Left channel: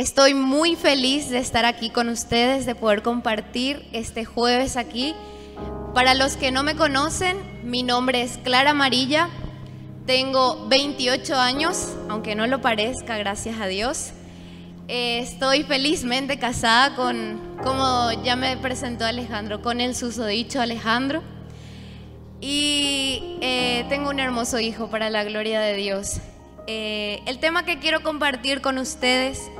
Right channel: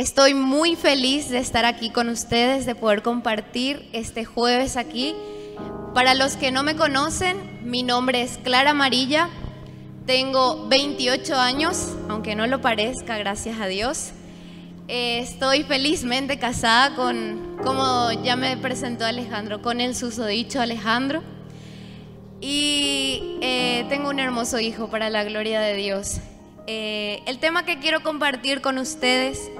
Estoy muy feliz de estar aquí con ustedes, de poder compartir este jueves aquí. Para los que no me conocen, mi nombre es Clara Amarilla, tengo 28 años, aunque no lo parezca, gracias a Dios. Estoy felizmente casada con, como ya me presentó Alejandro, con el susodicho Alejandro. Y tengo un hermoso hijo para la gloria de Dios. El tema que quiero compartir con ustedes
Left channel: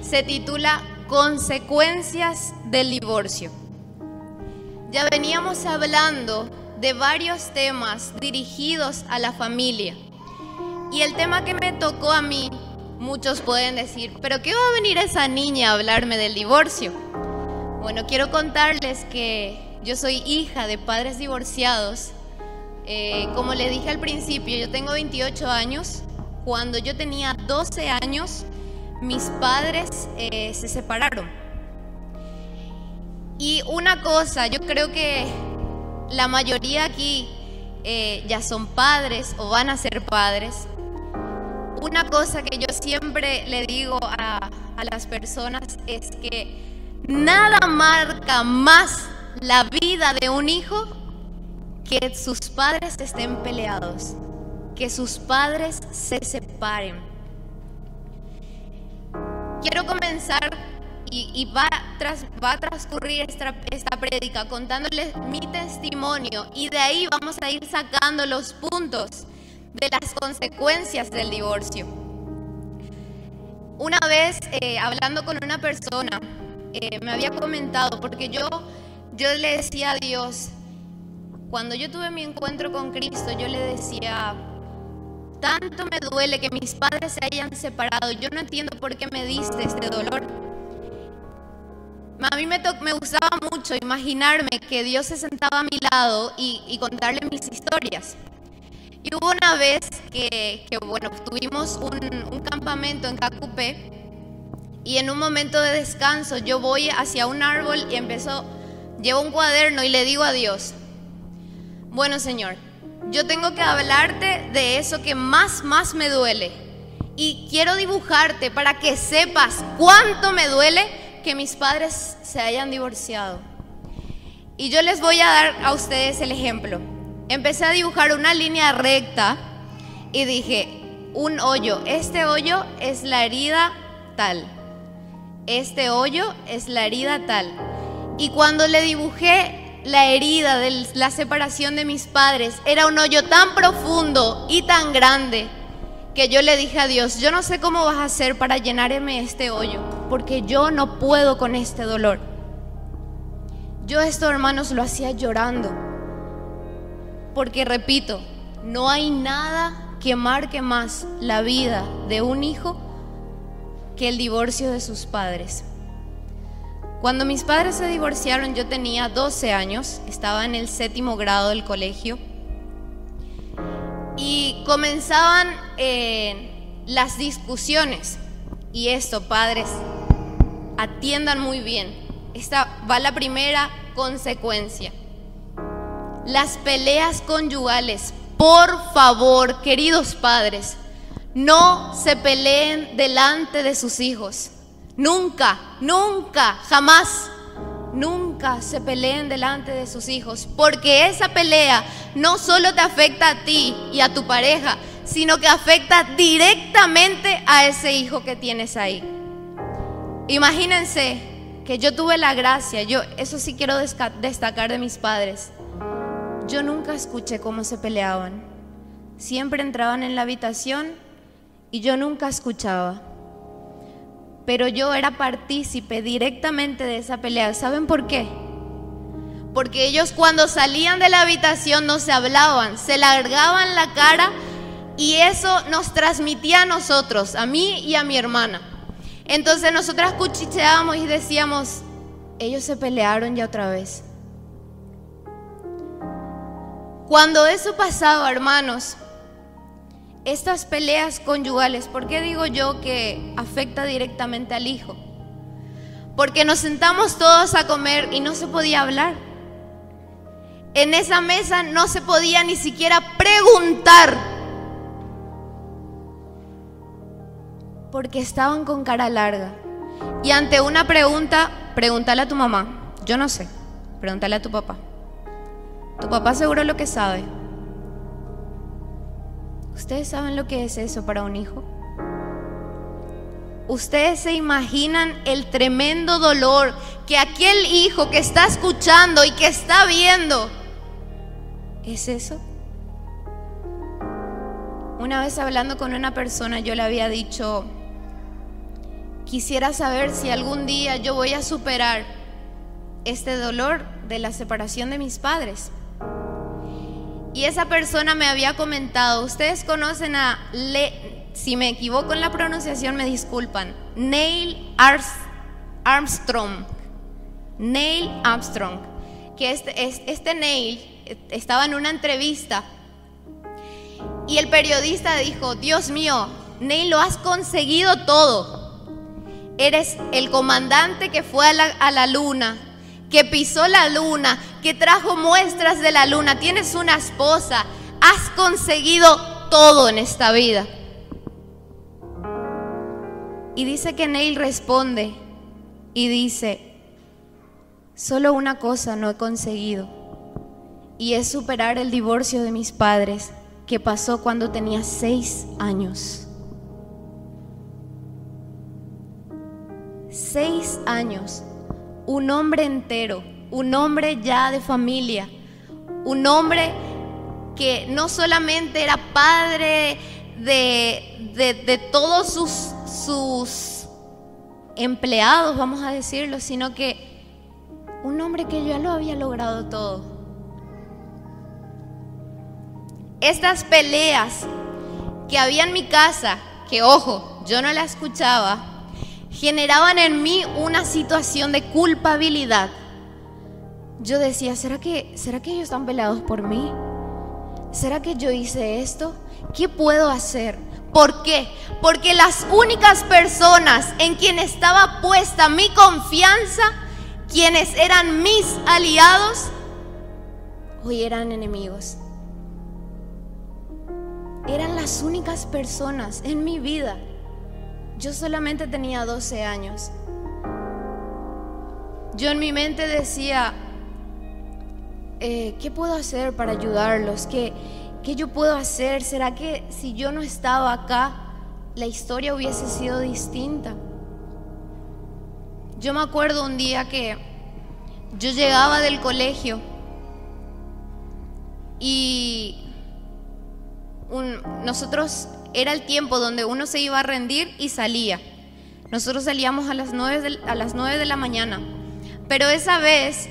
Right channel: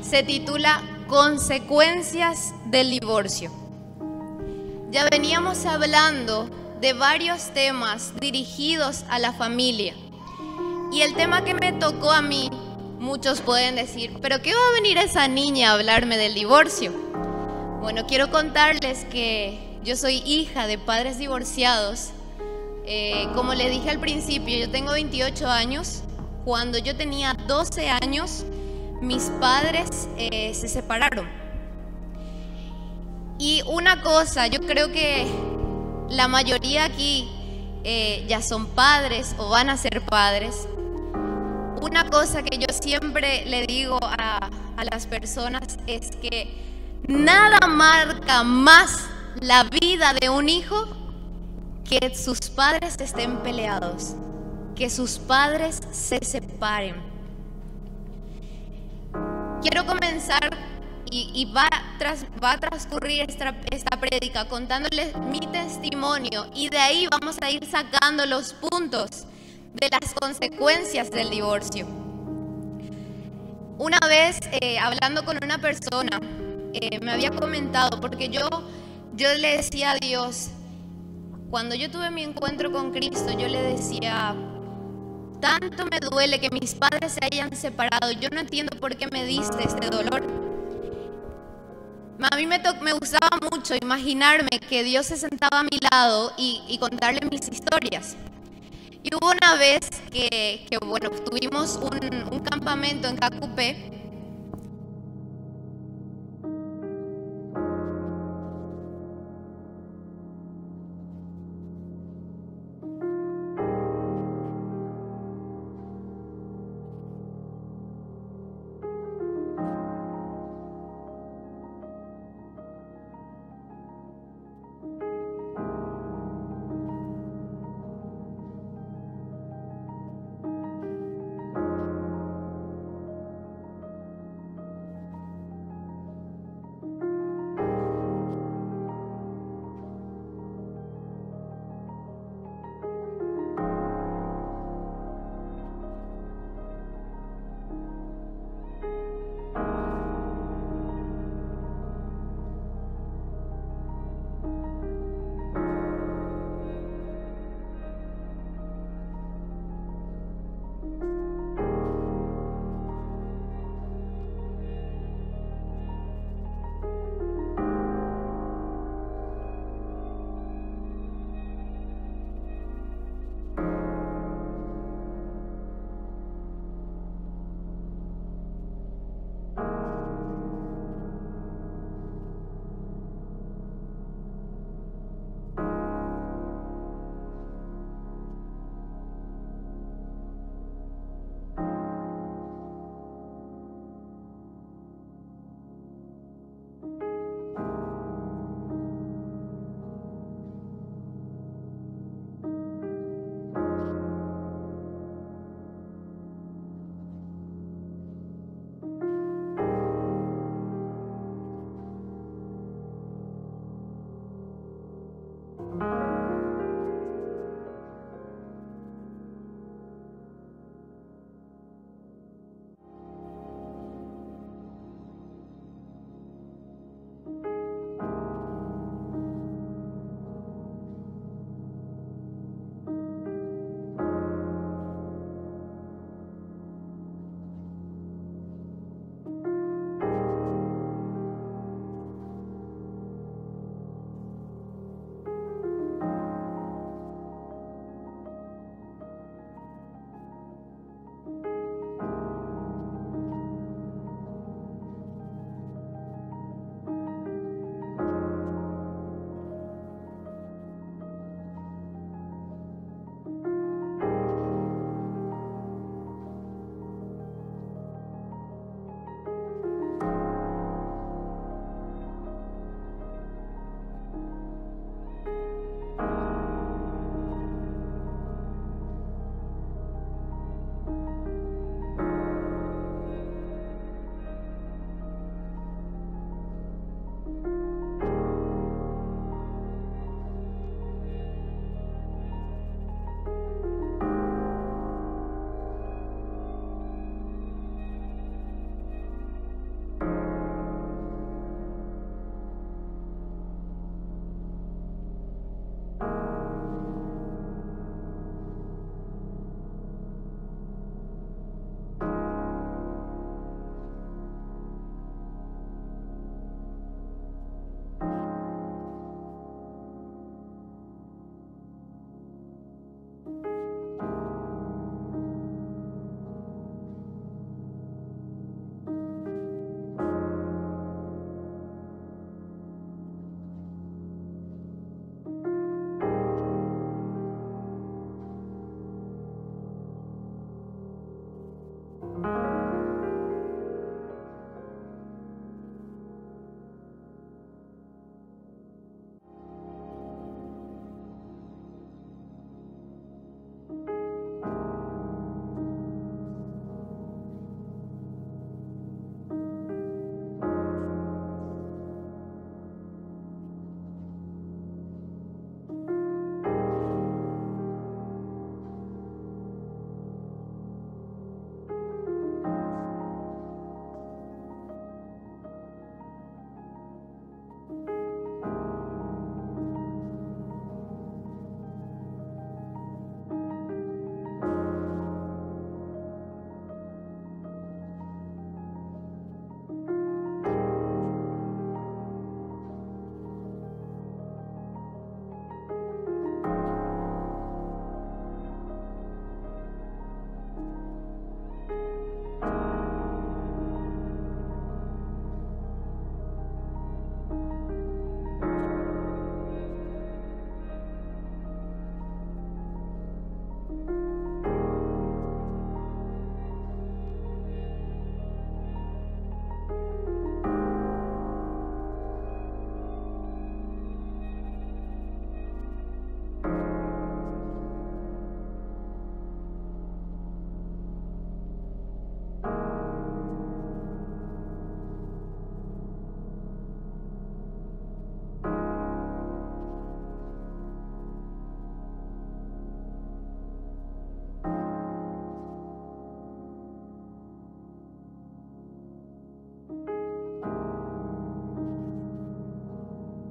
se titula Consecuencias del divorcio. Ya veníamos hablando de varios temas dirigidos a la familia. Y el tema que me tocó a mí, muchos pueden decir, ¿pero qué va a venir esa niña a hablarme del divorcio? Bueno, quiero contarles que yo soy hija de padres divorciados. Como les dije al principio, yo tengo 28 años. Cuando yo tenía 12 años, mis padres se separaron. Y una cosa, yo creo que la mayoría aquí ya son padres o van a ser padres. Una cosa que yo siempre le digo a las personas es que nada marca más la vida de un hijo que sus padres estén peleados, que sus padres se separen. Quiero comenzar y va a transcurrir esta prédica contándoles mi testimonio, y de ahí vamos a ir sacando los puntos de las consecuencias del divorcio. Una vez hablando con una persona, me había comentado, porque yo le decía a Dios, cuando yo tuve mi encuentro con Cristo, yo le decía, tanto me duele que mis padres se hayan separado, yo no entiendo por qué me diste este dolor. A mí me gustaba mucho imaginarme que Dios se sentaba a mi lado y contarle mis historias. Y hubo una vez que bueno, tuvimos un campamento en Cacupé, y en un momento de descanso yo voy hacia un árbol y llevo un cuaderno y le digo a Dios, bueno, Señor, yo tengo que hablarte de eso que más me duele, y quiero dibujarte para que sepas cuánto me duele que mis padres se hayan divorciado. Y yo les voy a dar a ustedes el ejemplo. Empecé a dibujar una línea recta y dije, un hoyo, este hoyo es la herida tal, este hoyo es la herida tal. Y cuando le dibujé la herida de la separación de mis padres, era un hoyo tan profundo y tan grande que yo le dije a Dios, yo no sé cómo vas a hacer para llenarme este hoyo, porque yo no puedo con este dolor. Yo esto, hermanos, lo hacía llorando, porque repito, no hay nada que marque más la vida de un hijo que el divorcio de sus padres. Cuando mis padres se divorciaron, yo tenía 12 años, estaba en el 7º grado del colegio, y comenzaban las discusiones. Y esto, padres, atiendan muy bien, esta va la primera consecuencia. Las peleas conyugales. Por favor, queridos padres, no se peleen delante de sus hijos. Nunca, jamás, nunca se peleen delante de sus hijos, porque esa pelea no solo te afecta a ti y a tu pareja, sino que afecta directamente a ese hijo que tienes ahí. Imagínense que yo tuve la gracia, eso sí quiero destacar de mis padres, yo nunca escuché cómo se peleaban. Siempre entraban en la habitación y yo nunca escuchaba. Pero yo era partícipe directamente de esa pelea. ¿Saben por qué? Porque ellos cuando salían de la habitación no se hablaban, se largaban la cara, y eso nos transmitía a nosotros, a mí y a mi hermana. Entonces nosotras cuchicheábamos y decíamos, ellos se pelearon ya otra vez. Cuando eso pasaba, hermanos, estas peleas conyugales, ¿por qué digo yo que afecta directamente al hijo? Porque nos sentamos todos a comer y no se podía hablar. En esa mesa no se podía ni siquiera preguntar. porque estaban con cara larga. Y ante una pregunta, pregúntale a tu mamá. Yo no sé, pregúntale a tu papá. Tu papá seguro lo que sabe. ¿Ustedes saben lo que es eso para un hijo? ¿Ustedes se imaginan el tremendo dolor que aquel hijo que está escuchando y que está viendo es eso? Una vez hablando con una persona, yo le había dicho: quisiera saber si algún día yo voy a superar este dolor de la separación de mis padres. Y esa persona me había comentado, ustedes conocen a, si me equivoco en la pronunciación me disculpan, Neil Armstrong. Neil Armstrong, que este Neil estaba en una entrevista y el periodista dijo: Dios mío, Neil, lo has conseguido todo. Eres el comandante que fue a la luna, que pisó la luna, que trajo muestras de la luna, tienes una esposa, has conseguido todo en esta vida. Y dice que Neil responde y dice: solo una cosa no he conseguido, y es superar el divorcio de mis padres, que pasó cuando tenía 6 años. 6 años. Un hombre entero, un hombre ya de familia, un hombre que no solamente era padre de todos sus empleados, vamos a decirlo, sino que un hombre que ya lo había logrado todo. Estas peleas que había en mi casa, que ojo, yo no la escuchaba, generaban en mí una situación de culpabilidad. Yo decía: ¿será que ellos están peleados por mí? ¿Será que yo hice esto? ¿Qué puedo hacer? ¿Por qué? Porque las únicas personas en quienes estaba puesta mi confianza, quienes eran mis aliados, hoy eran enemigos. Eran las únicas personas en mi vida. Yo solamente tenía 12 años. Yo en mi mente decía: ¿qué puedo hacer para ayudarlos? ¿Qué yo puedo hacer? ¿Será que si yo no estaba acá, la historia hubiese sido distinta? Yo me acuerdo un día que yo llegaba del colegio y nosotros, era el tiempo donde uno se iba a rendir y salía. Nosotros salíamos a las 9 de la mañana. Pero esa vez,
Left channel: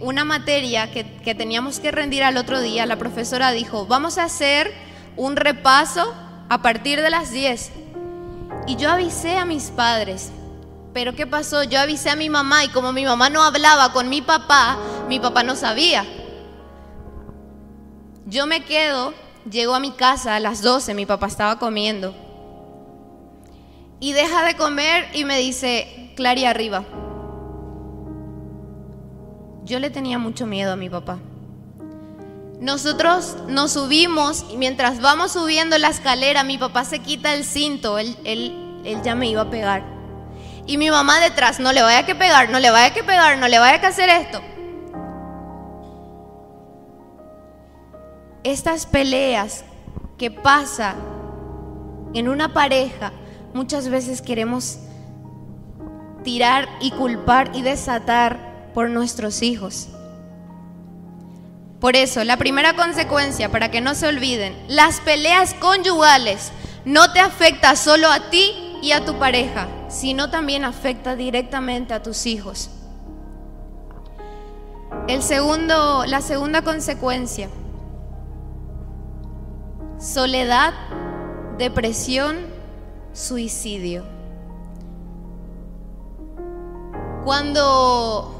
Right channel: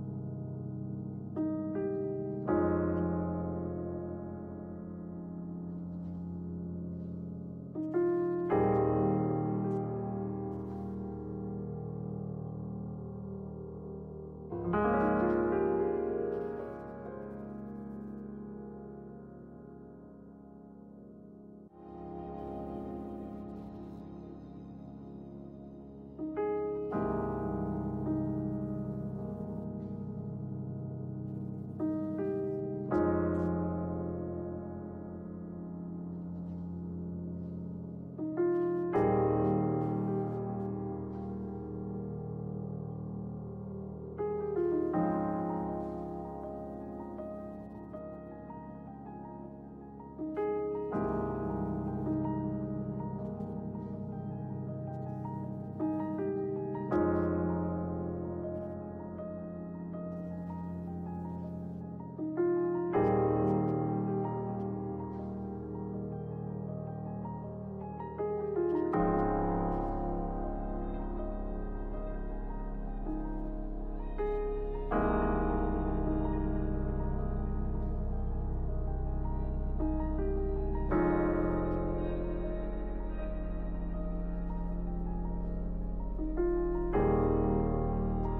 una materia que teníamos que rendir al otro día, la profesora dijo: vamos a hacer un repaso a partir de las 10. Y yo avisé a mis padres. Pero ¿qué pasó? Yo avisé a mi mamá y como mi mamá no hablaba con mi papá no sabía. Yo me quedo, llego a mi casa a las 12, mi papá estaba comiendo. Y deja de comer y me dice: Clary, arriba. Yo le tenía mucho miedo a mi papá. Nosotros nos subimos y mientras vamos subiendo la escalera, mi papá se quita el cinto, él ya me iba a pegar. Y mi mamá detrás: no le vaya que pegar, no le vaya que pegar, no le vaya que hacer esto. Estas peleas que pasa en una pareja, muchas veces queremos tirar y culpar y desatar por nuestros hijos. Por eso, la primera consecuencia, para que no se olviden, las peleas conyugales no te afecta solo a ti y a tu pareja, sino también afecta directamente a tus hijos. La segunda consecuencia: soledad, depresión, suicidio. Cuando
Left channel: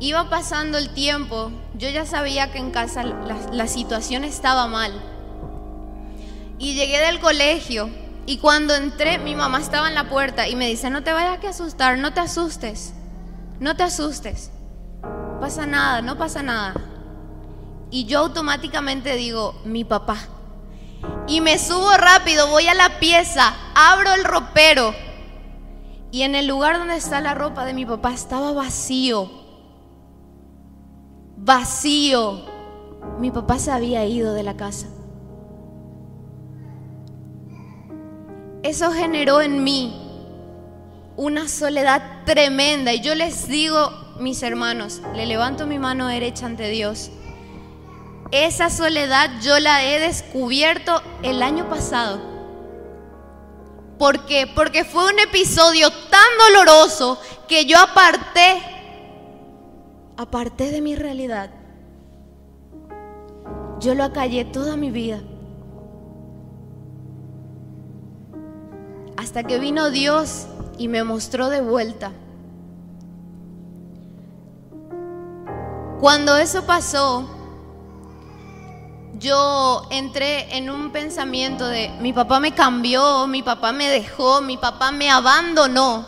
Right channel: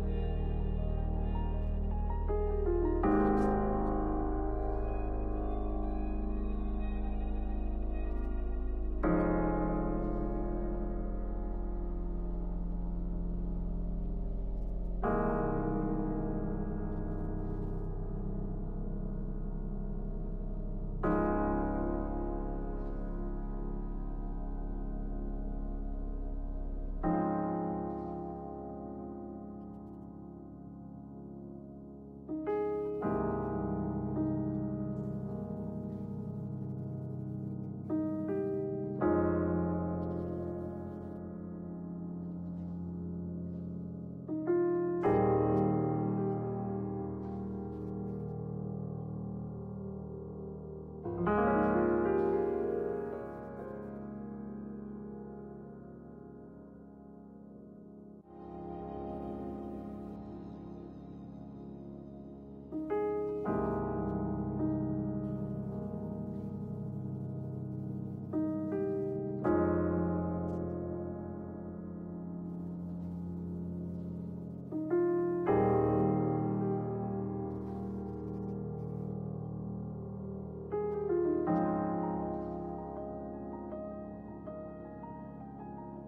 iba pasando el tiempo, yo ya sabía que en casa la situación estaba mal. Y llegué del colegio y cuando entré, mi mamá estaba en la puerta y me dice: no te vayas a asustar, no te asustes, no te asustes, pasa nada, no pasa nada. Y yo automáticamente digo: mi papá. Y me subo rápido, voy a la pieza, abro el ropero y en el lugar donde está la ropa de mi papá estaba vacío. Vacío. Mi papá se había ido de la casa. Eso generó en mí una soledad tremenda. Y yo les digo, mis hermanos, le levanto mi mano derecha ante Dios. Esa soledad yo la he descubierto el año pasado. ¿Por qué? Porque fue un episodio tan doloroso que yo aparté de mi realidad. Yo lo acallé toda mi vida. Hasta que vino Dios y me mostró de vuelta. Cuando eso pasó, yo entré en un pensamiento de: mi papá me cambió, mi papá me dejó, mi papá me abandonó.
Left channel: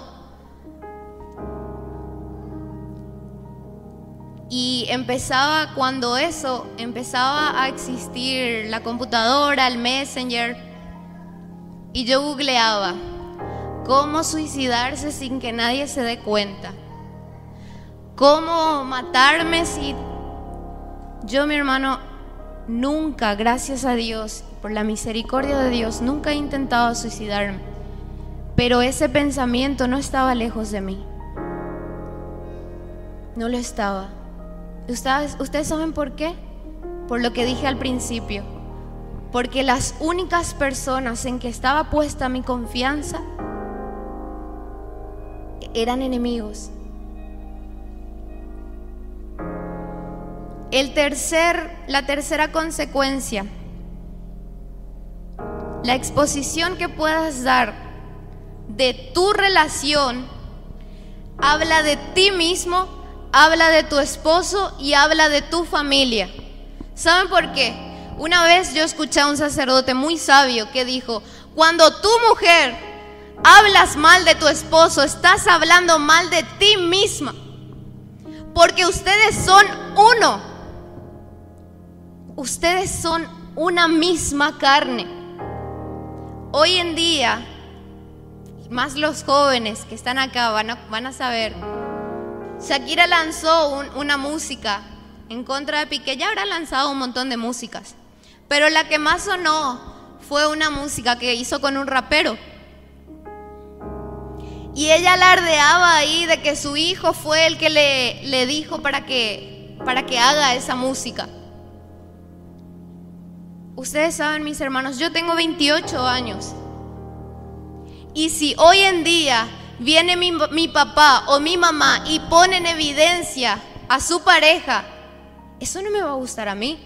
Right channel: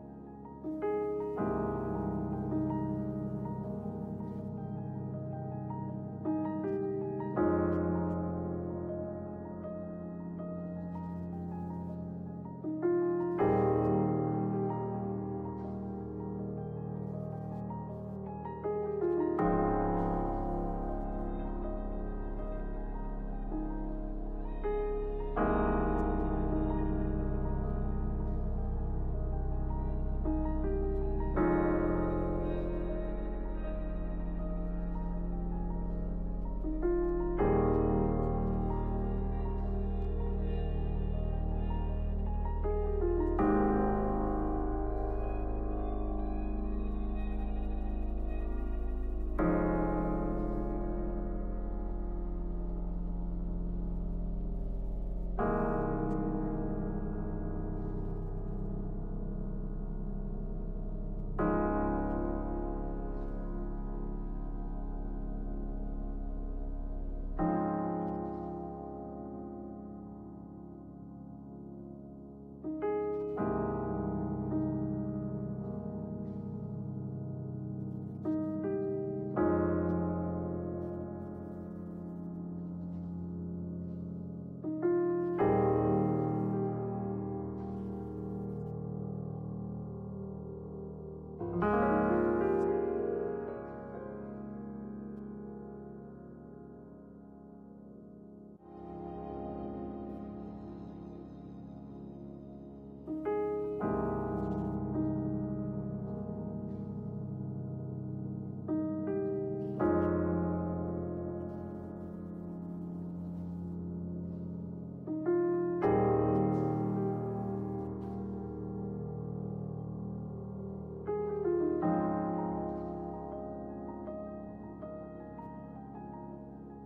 Y cuando eso empezaba a existir la computadora, el Messenger, y yo googleaba cómo suicidarse sin que nadie se dé cuenta, cómo matarme si... Yo, mi hermano, nunca, gracias a Dios, por la misericordia de Dios, nunca he intentado suicidarme, pero ese pensamiento no estaba lejos de mí. No lo estaba. ¿Ustedes saben por qué? Por lo que dije al principio. Porque las únicas personas en que estaba puesta mi confianza eran enemigos. La tercera consecuencia, la exposición que puedas dar de tu relación habla de ti mismo, habla de tu esposo y habla de tu familia. ¿Saben por qué? Una vez yo escuché a un sacerdote muy sabio que dijo: cuando tu mujer hablas mal de tu esposo, estás hablando mal de ti misma, porque ustedes son uno. Ustedes son una misma carne. Hoy en día, más los jóvenes que están acá van a saber, Shakira lanzó una música en contra de Piqué. Ya habrá lanzado un montón de músicas, pero la que más sonó fue una música que hizo con un rapero. Y ella alardeaba ahí de que su hijo fue el que le dijo para que haga esa música. Ustedes saben, mis hermanos, yo tengo 28 años. Y si hoy en día viene mi papá o mi mamá y pone en evidencia a su pareja, eso no me va a gustar a mí.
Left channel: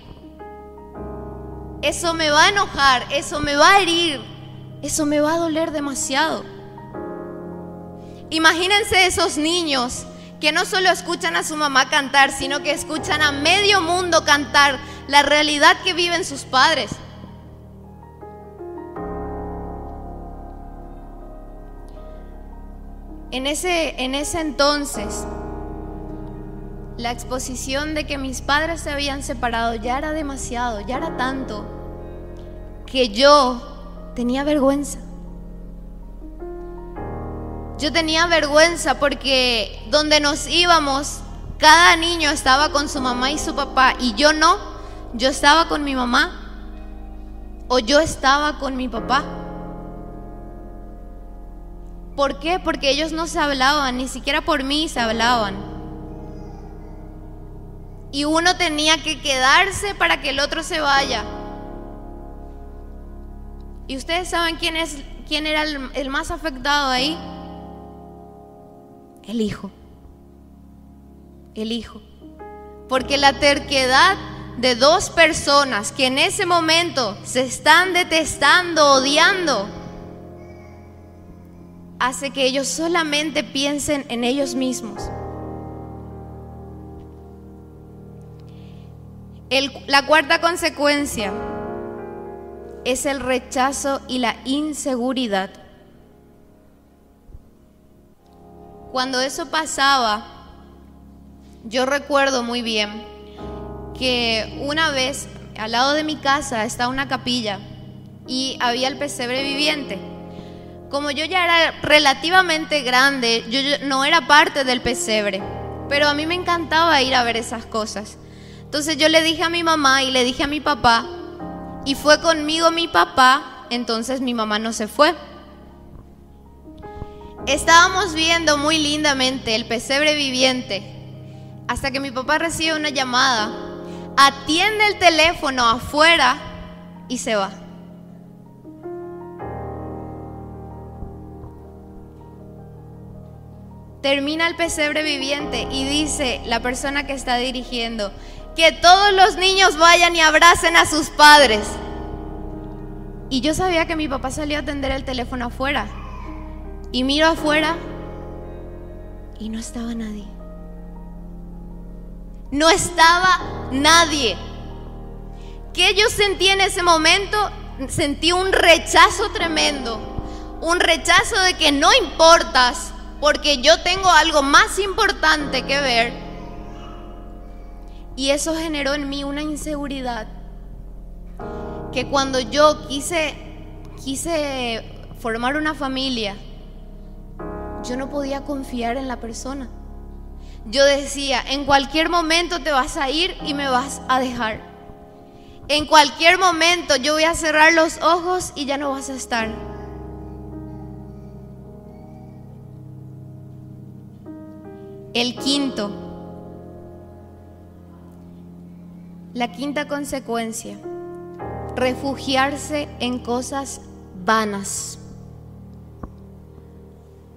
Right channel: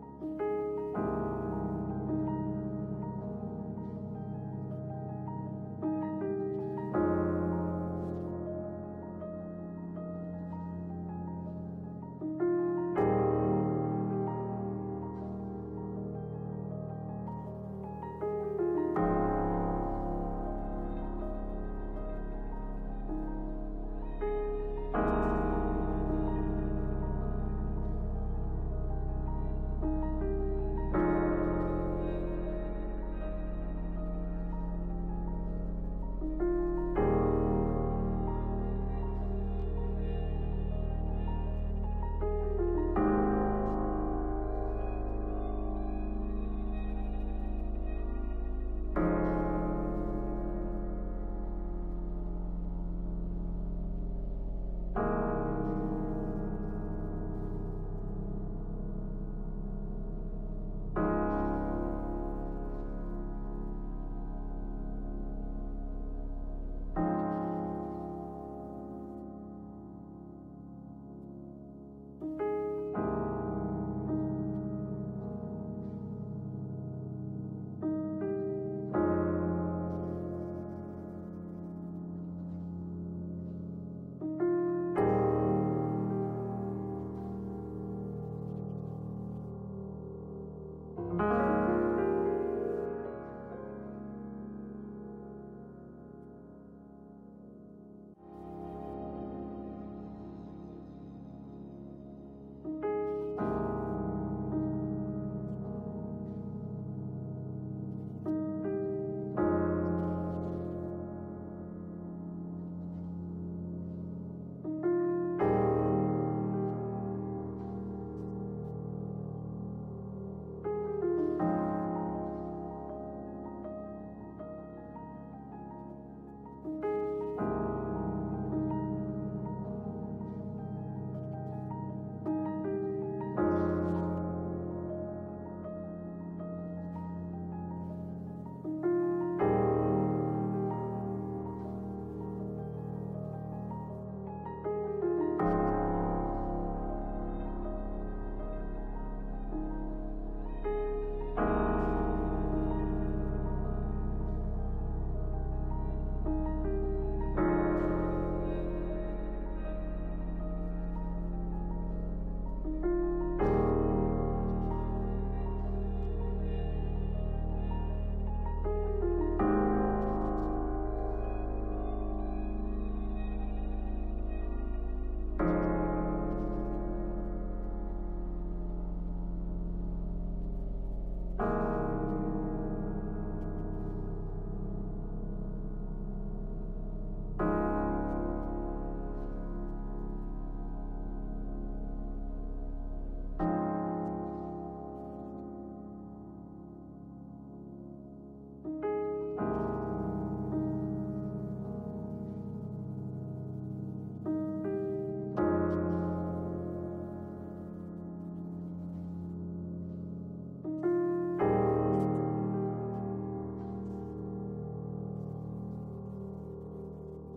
Eso me va a enojar, eso me va a herir, eso me va a doler demasiado. Imagínense esos niños que no solo escuchan a su mamá cantar, sino que escuchan a medio mundo cantar la realidad que viven sus padres. En ese entonces, la exposición de que mis padres se habían separado ya era demasiado, ya era tanto, que yo tenía vergüenza. Yo tenía vergüenza porque donde nos íbamos, cada niño estaba con su mamá y su papá, y yo no. Yo estaba con mi mamá o yo estaba con mi papá. ¿Por qué? Porque ellos no se hablaban, ni siquiera por mí se hablaban. Y uno tenía que quedarse para que el otro se vaya. ¿Y ustedes saben quién era el más afectado ahí? El hijo. El hijo. Porque la terquedad de dos personas que en ese momento se están detestando, odiando, hace que ellos solamente piensen en ellos mismos. La cuarta consecuencia es el rechazo y la inseguridad. Cuando eso pasaba, yo recuerdo muy bien que una vez al lado de mi casa está una capilla y había el pesebre viviente. Como yo ya era relativamente grande, yo no era parte del pesebre, pero a mí me encantaba ir a ver esas cosas. Entonces yo le dije a mi mamá y le dije a mi papá, y fue conmigo mi papá, entonces mi mamá no se fue. Estábamos viendo muy lindamente el pesebre viviente, hasta que mi papá recibe una llamada, atiende el teléfono afuera y se va. Termina el pesebre viviente y dice la persona que está dirigiendo, que todos los niños vayan y abracen a sus padres. Y yo sabía que mi papá salió a atender el teléfono afuera. Y miro afuera y no estaba nadie. No estaba nadie. ¿Qué yo sentí en ese momento? Sentí un rechazo tremendo. Un rechazo de que no importas, porque yo tengo algo más importante que ver. Y eso generó en mí una inseguridad, que cuando yo quise formar una familia, yo no podía confiar en la persona. Yo decía, en cualquier momento te vas a ir y me vas a dejar. En cualquier momento yo voy a cerrar los ojos y ya no vas a estar. La quinta consecuencia, refugiarse en cosas vanas.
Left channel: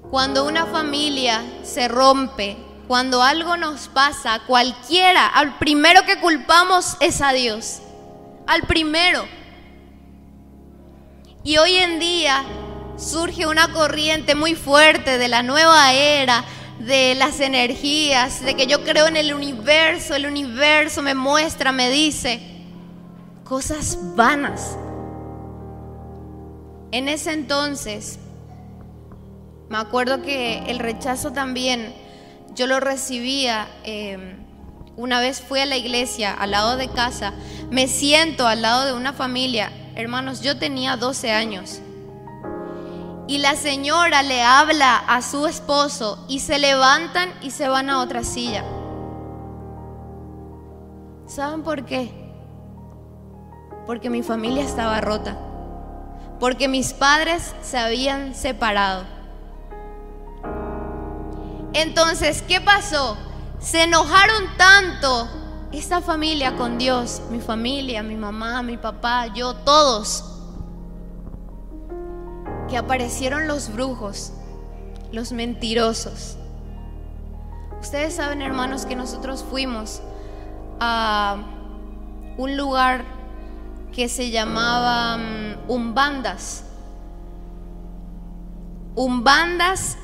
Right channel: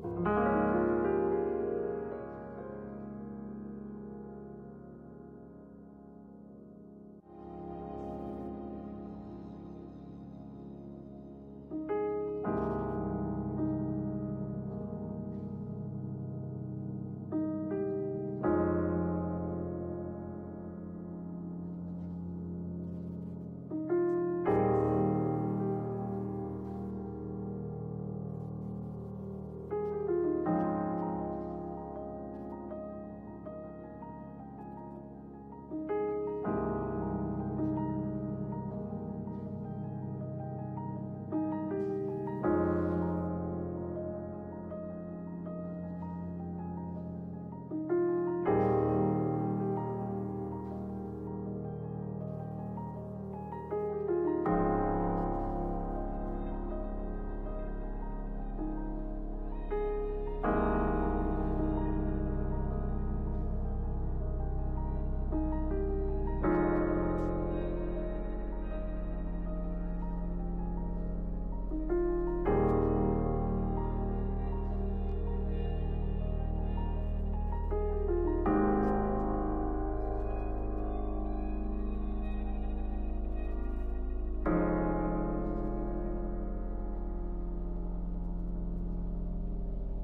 Cuando una familia se rompe, cuando algo nos pasa, cualquiera, al primero que culpamos es a Dios, al primero. Y hoy en día surge una corriente muy fuerte de la nueva era, de las energías, de que yo creo en el universo me muestra, me dice cosas vanas. En ese entonces, me acuerdo que el rechazo también yo lo recibía. Una vez fui a la iglesia al lado de casa, me siento al lado de una familia, hermanos, yo tenía 12 años. Y la señora le habla a su esposo y se levantan y se van a otra silla. ¿Saben por qué? Porque mi familia estaba rota. Porque mis padres se habían separado. Entonces, ¿qué pasó? Se enojaron tanto esta familia con Dios, mi familia, mi mamá, mi papá, yo, todos, que aparecieron los brujos, los mentirosos. Ustedes saben, hermanos, que nosotros fuimos a un lugar que se llamaba Umbandas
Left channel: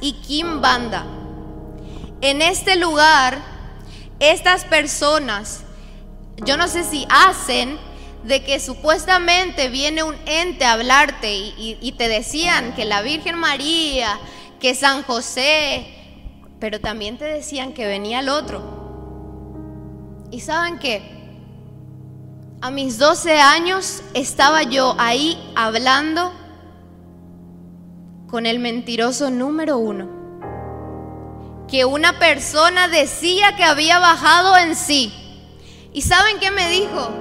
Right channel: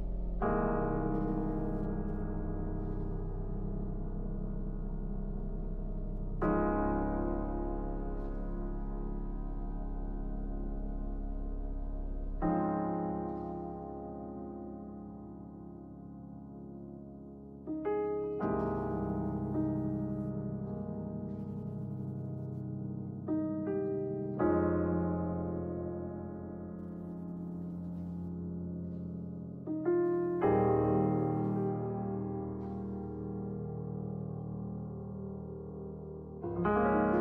y Quimbanda. En este lugar, estas personas, yo no sé si hacen de que supuestamente viene un ente a hablarte y te decían que la Virgen María, que San José, pero también te decían que venía el otro. ¿Y saben qué? A mis 12 años estaba yo ahí hablando con el mentiroso número 1, que una persona decía que había bajado en sí. ¿Y saben qué me dijo?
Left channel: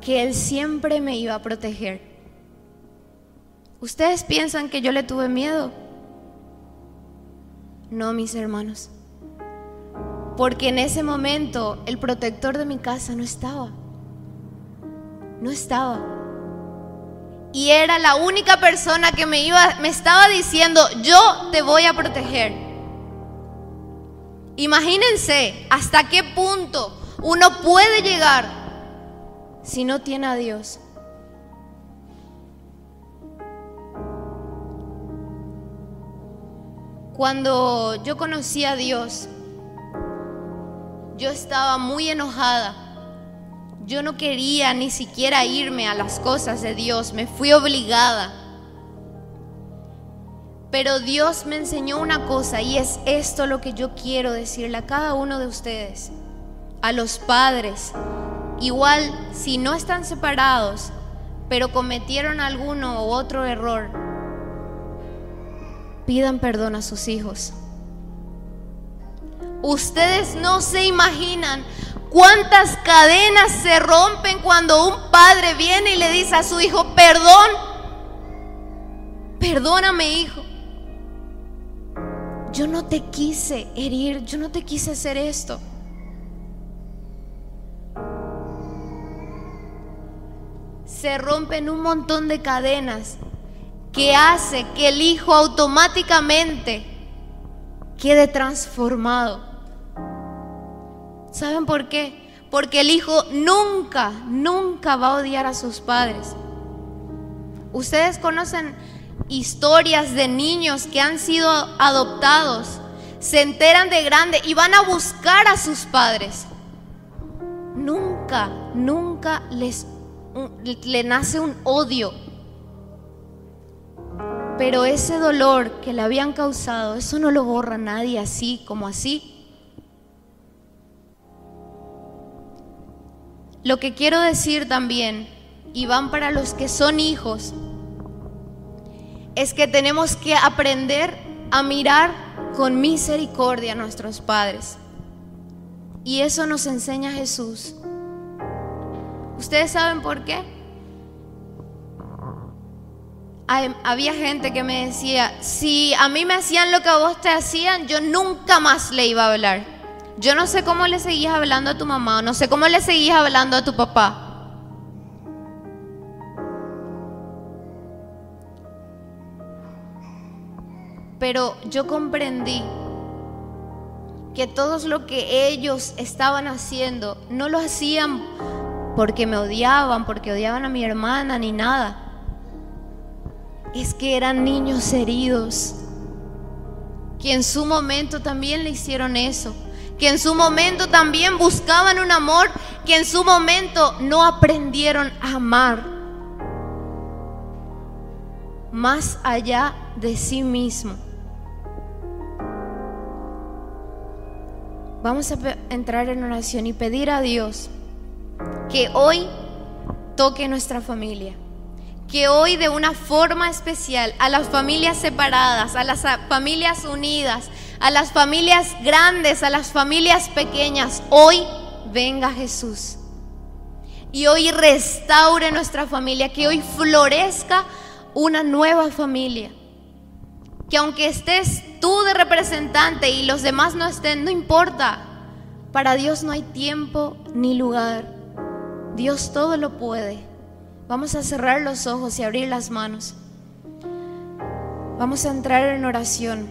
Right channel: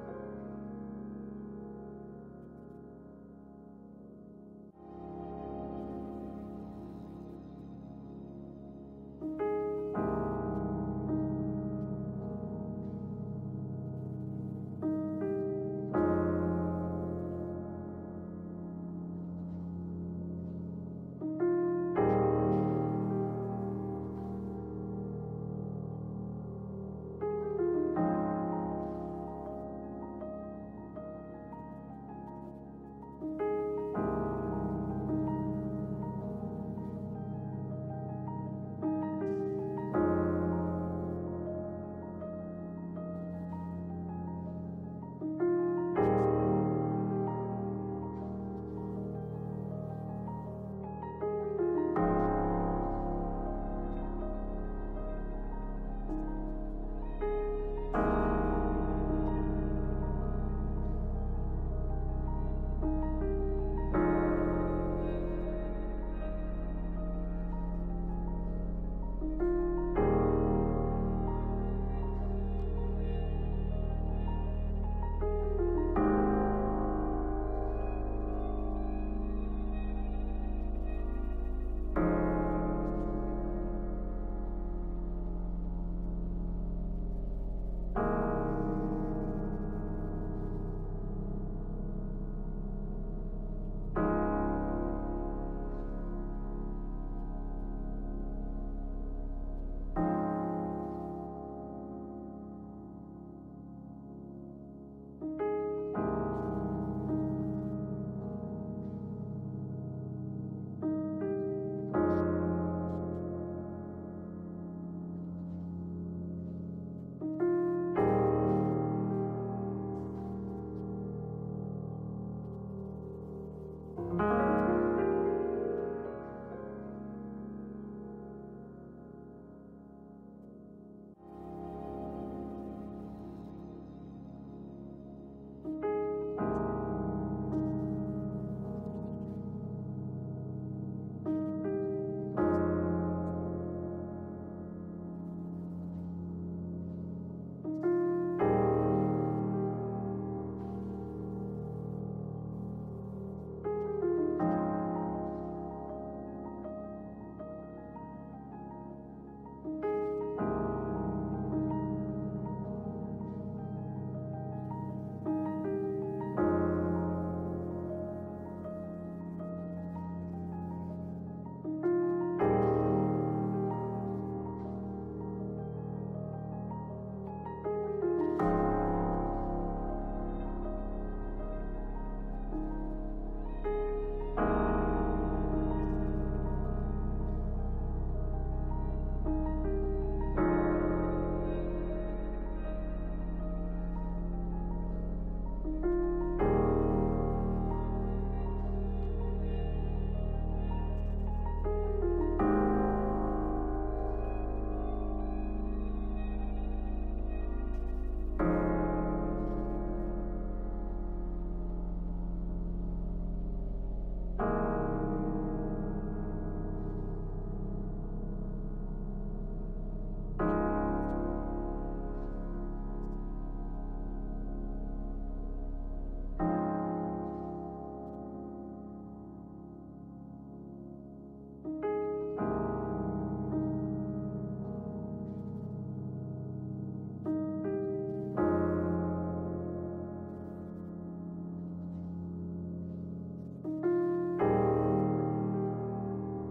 Que él siempre me iba a proteger. ¿Ustedes piensan que yo le tuve miedo? No, mis hermanos, porque en ese momento el protector de mi casa no estaba. Y era la única persona que me estaba diciendo, yo te voy a proteger. Imagínense hasta qué punto uno puede llegar si no tiene a Dios. Cuando yo conocí a Dios, yo estaba muy enojada. Yo no quería ni siquiera irme a las cosas de Dios, me fui obligada. Pero Dios me enseñó una cosa, y es esto lo que yo quiero decirle a cada uno de ustedes, a los padres. Igual, si no están separados, pero cometieron alguno u otro error, pidan perdón a sus hijos. Ustedes no se imaginan cuántas cadenas se rompen cuando un padre viene y le dice a su hijo: perdóname, hijo. Yo no te quise herir, yo no te quise hacer esto. Se rompen un montón de cadenas que hace que el hijo automáticamente quede transformado. ¿Saben por qué? Porque el hijo nunca va a odiar a sus padres. Ustedes conocen historias de niños que han sido adoptados, se enteran de grande y van a buscar a sus padres. Nunca le nace un odio. Pero ese dolor que le habían causado, eso no lo borra nadie así como así. Lo que quiero decir también, y van para los que son hijos, es que tenemos que aprender a mirar con misericordia a nuestros padres. Y eso nos enseña Jesús. ¿Ustedes saben por qué? Había gente que me decía: si a mí me hacían lo que a vos te hacían, yo nunca más le iba a hablar. Yo no sé cómo le seguías hablando a tu mamá, no sé cómo le seguías hablando a tu papá. Pero yo comprendí que todo lo que ellos estaban haciendo no lo hacían porque me odiaban, porque odiaban a mi hermana ni nada. Es que eran niños heridos, que en su momento también le hicieron eso, que en su momento también buscaban un amor, que en su momento no aprendieron a amar más allá de sí mismo. Vamos a entrar en oración y pedir a Dios que hoy toque nuestra familia, que hoy de una forma especial a las familias separadas, a las familias unidas, a las familias grandes, a las familias pequeñas, hoy venga Jesús y hoy restaure nuestra familia, que hoy florezca una nueva familia, que aunque estés tú de representante y los demás no estén, no importa. Para Dios no hay tiempo ni lugar. Dios todo lo puede. Vamos a cerrar los ojos y abrir las manos. Vamos a entrar en oración.